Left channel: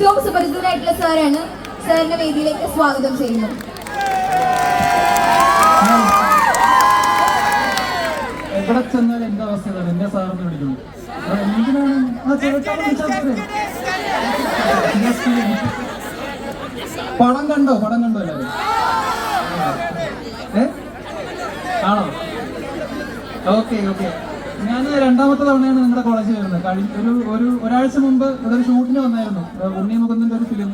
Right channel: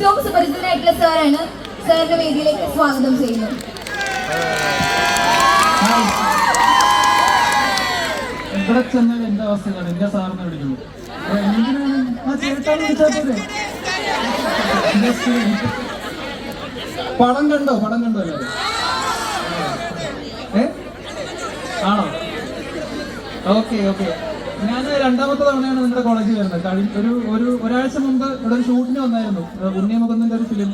ഏറ്റവും സുപരിചിതനായിട്ടുള്ള സാറാണ്. സാറിന്റെ വേദിയിലേക്ക് സ്വാഗതം ചെയ്യുന്നു. എവിടെ ചെന്നാൽ എന്റെ അവസ്ഥയാണ്, എന്റെ സാറിന് വിളിക്കുന്നു. എന്തിനാണ് ആ ചേട്ടാ? പടം കണ്ടോ എല്ലാവരും? ആണോ? ഓക്കെ. ഞാൻ രണ്ടാമത്തെ തവണയാണ് നിങ്ങളുടെ കോളേജിൽ വരുന്നത്. ഒരാഴ്ച മുമ്പ് ഇവിടെ ഒരു ഷൂട്ടിന് വന്നായിരുന്നു. ഉണ്ണിയമുഖത്തിന്റെ ഒരു ഫിലിം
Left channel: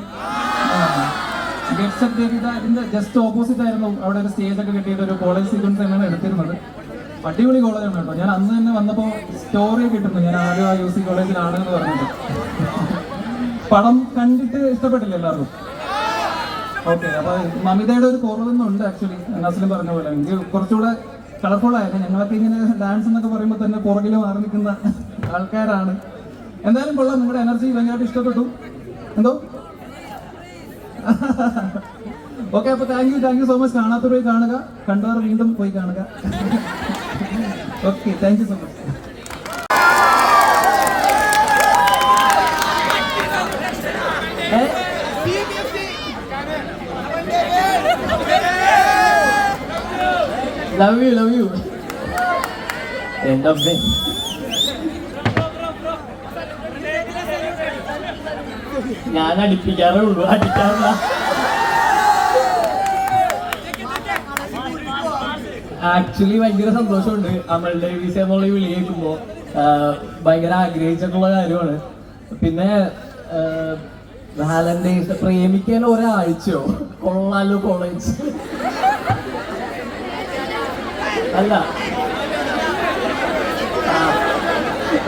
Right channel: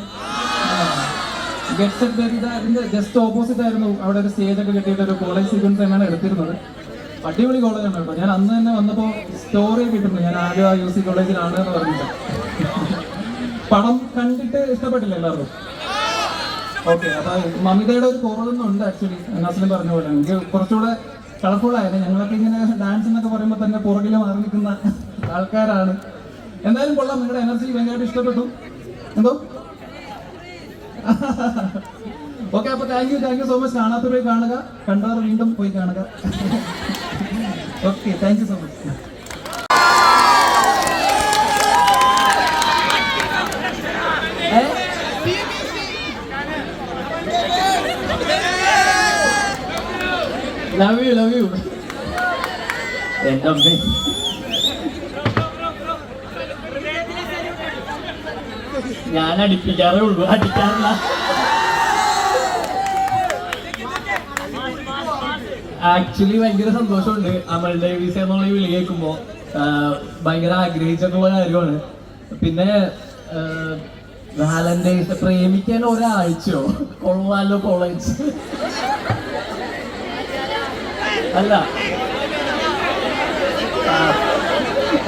ഗെറ്റ് സെറ്റ് ബേബി. അതിന്റെ ജസ്റ്റ് ഓപ്പോസിറ്റ് ആയിരുന്നു. അവിടെ ഒരു സ്റ്റേജ് ഒക്കെ കെട്ടിയിട്ട് ഒരു കോളേജ് സീക്വൻസ് തന്നെയാണ് എടുത്തിരുന്നത്. അടിപൊളി കോളേജാണ് കേട്ടോ. ഞാൻ അന്ന് തന്നെ വന്നപ്പോൾ സ്റ്റോറി കിട്ടുന്നു, ഞാൻ ആലുവ UC കോളേജിലാണ് എന്ന് പറഞ്ഞിട്ട്. പടം കണ്ടിട്ട് ഇഷ്ടപ്പെട്ടില്ല എല്ലാവർക്കും? ഓക്കെ. അപ്പൊ മമിതയുടെ ഒരു കുറവൊന്നുണ്ട് ആക്ച്വലി. നസ്ലിം പറഞ്ഞ പോലെ എനിക്ക് കുറച്ചുകൂടെ കളർഫുൾ ആയിരുന്നു. ഞങ്ങളൊക്കെ ഇങ്ങനെ ഡാൻസ് എന്നൊക്കെ പറയുമ്പോൾ തന്നെ പുറകിൽ മാറി നിൽക്കുന്ന ആൾക്കാരാണ്. എന്തായാലും കൊള്ളാം, നിങ്ങളുടെ എനർജി ഭയങ്കരമായിട്ട് ഇഷ്ടപ്പെട്ടു. എന്തോ ഓക്കെ. അപ്പൊ താങ്ക് യു സോ മച്ച്. കാണാത്ത പോയി കാണുക, കണ്ടവർ വീണ്ടും പോയി കാണുക. Okay, thank you so much. Love you എന്റെ അമ്മ. ഞാൻ അടിപ്പിക്കാറേ ഉള്ളൂ, അടിക്കാറില്ല. ആക്ച്വലി ഭയങ്കര സന്തോഷമുണ്ട്. അമൽ ഡേവിസ് എന്നുള്ള വിളി കേൾക്കുമ്പോ ഭയങ്കര ആഗ്രഹിച്ചിട്ടുള്ള കാര്യമാണ്. പിന്നെ വാലന്റൈൻസ് പ്രേമിക്കാൻ ഒരാഴ്ചയോ കൊള്ളാലോ കോളേജ് അല്ല.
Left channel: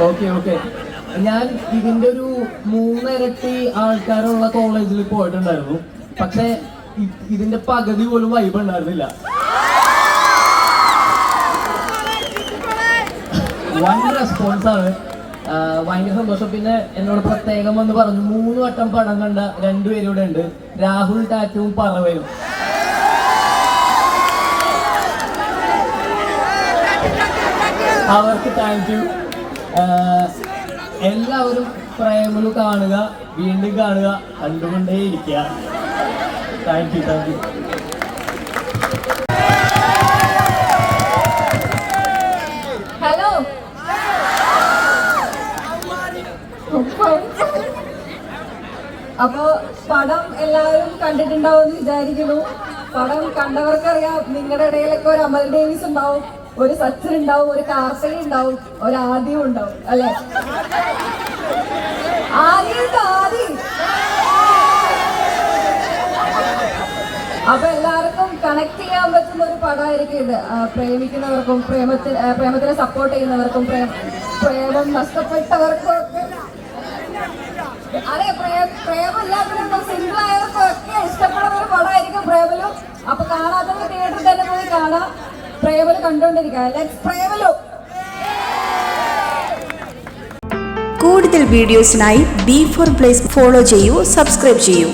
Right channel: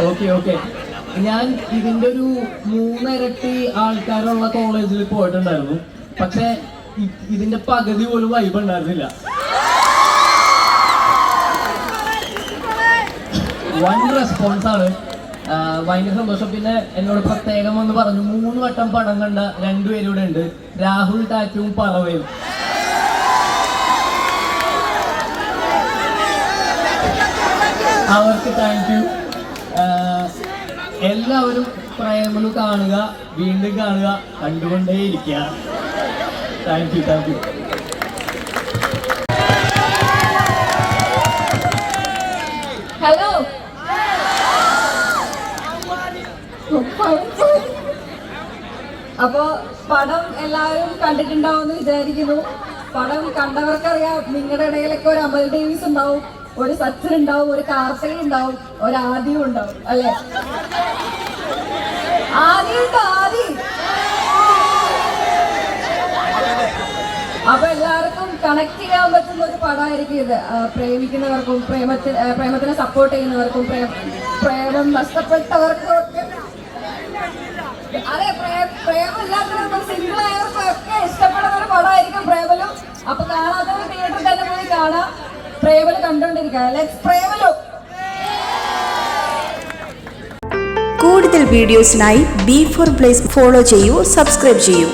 ഓക്കെ. ഞാൻ ഇതിന്റെ ഒരു 3 ഇരട്ടി ആൾക്കാരുള്ള കോളേജിൽ പോയിട്ടുണ്ടായിരുന്നു. പക്ഷെ ഇതിന്റെ പകുതി പോലും വൈബ് ഉണ്ടായിരുന്നില്ല. ഭയങ്കര റെസ്പോൺസ് ആണ്, ഭയങ്കര സന്തോഷം. പിന്നെ എന്നോട് പ്രത്യേകം വന്ന് പറഞ്ഞു 3 വട്ടം പടം കണ്ട 2 പേരും ഇവിടെ ഉണ്ട്, രാഹുൽ ടാറ്റുവും പറവയും. അവർക്ക് താങ്ക് യു. എല്ലാവരും പ്രേമലു കാണുക, വീണ്ടും കാണുക, കണ്ടുകൊണ്ടേയിരിക്കുക. Thank you. ഹലോ, അപ്പോ പടം എല്ലാവരും കണ്ടിട്ടുണ്ടാവും വിചാരിക്കുന്നു. പടം കണ്ടവർക്കറിയാം, നിങ്ങളുടെ ഇടയിലൊക്കെ ഒരു അമൽ ഡേവിസ് ഉണ്ടാവും, ഒരു സച്ചിൻ ഉണ്ടാവും, ഒരു കാർത്തിക ഉണ്ടാവും, ഒരു ആദ്യം ഉണ്ടാവും, അല്ലെ? ആദ്യം. അപ്പൊ എല്ലാവർക്കും കണക്ട് ചെയ്യാൻ പറ്റുന്ന ഒരു പടമായിരിക്കും ഇത്. പ്രേമിക്കുന്നവർക്കും പ്രേമത്തിനെ സപ്പോർട്ട് ചെയ്യുന്നവർക്കും പ്രേമം നഷ്ടപ്പെട്ടവർക്കും അതെ, പ്രേമമില്ലാത്തവർക്കും സിംഗിൾ ആയവർക്കും ഒക്കെ ഇഷ്ടപ്പെടുന്ന ഒരു പടമായിരിക്കും പ്രേമലു. അപ്പൊ കാണാത്തവർ തിയേറ്ററിൽ തന്നെ പോയി കാണാം. പ്രേമലു കണ്ടുകൊണ്ടിരിക്കുക. ലെറ്റ്സ് പ്രേമലു. കൂടുതൽ വീഡിയോസിനായി B4 Place ഫോളോ ചെയ്യൂ, സബ്സ്ക്രൈബ് ചെയ്യൂ.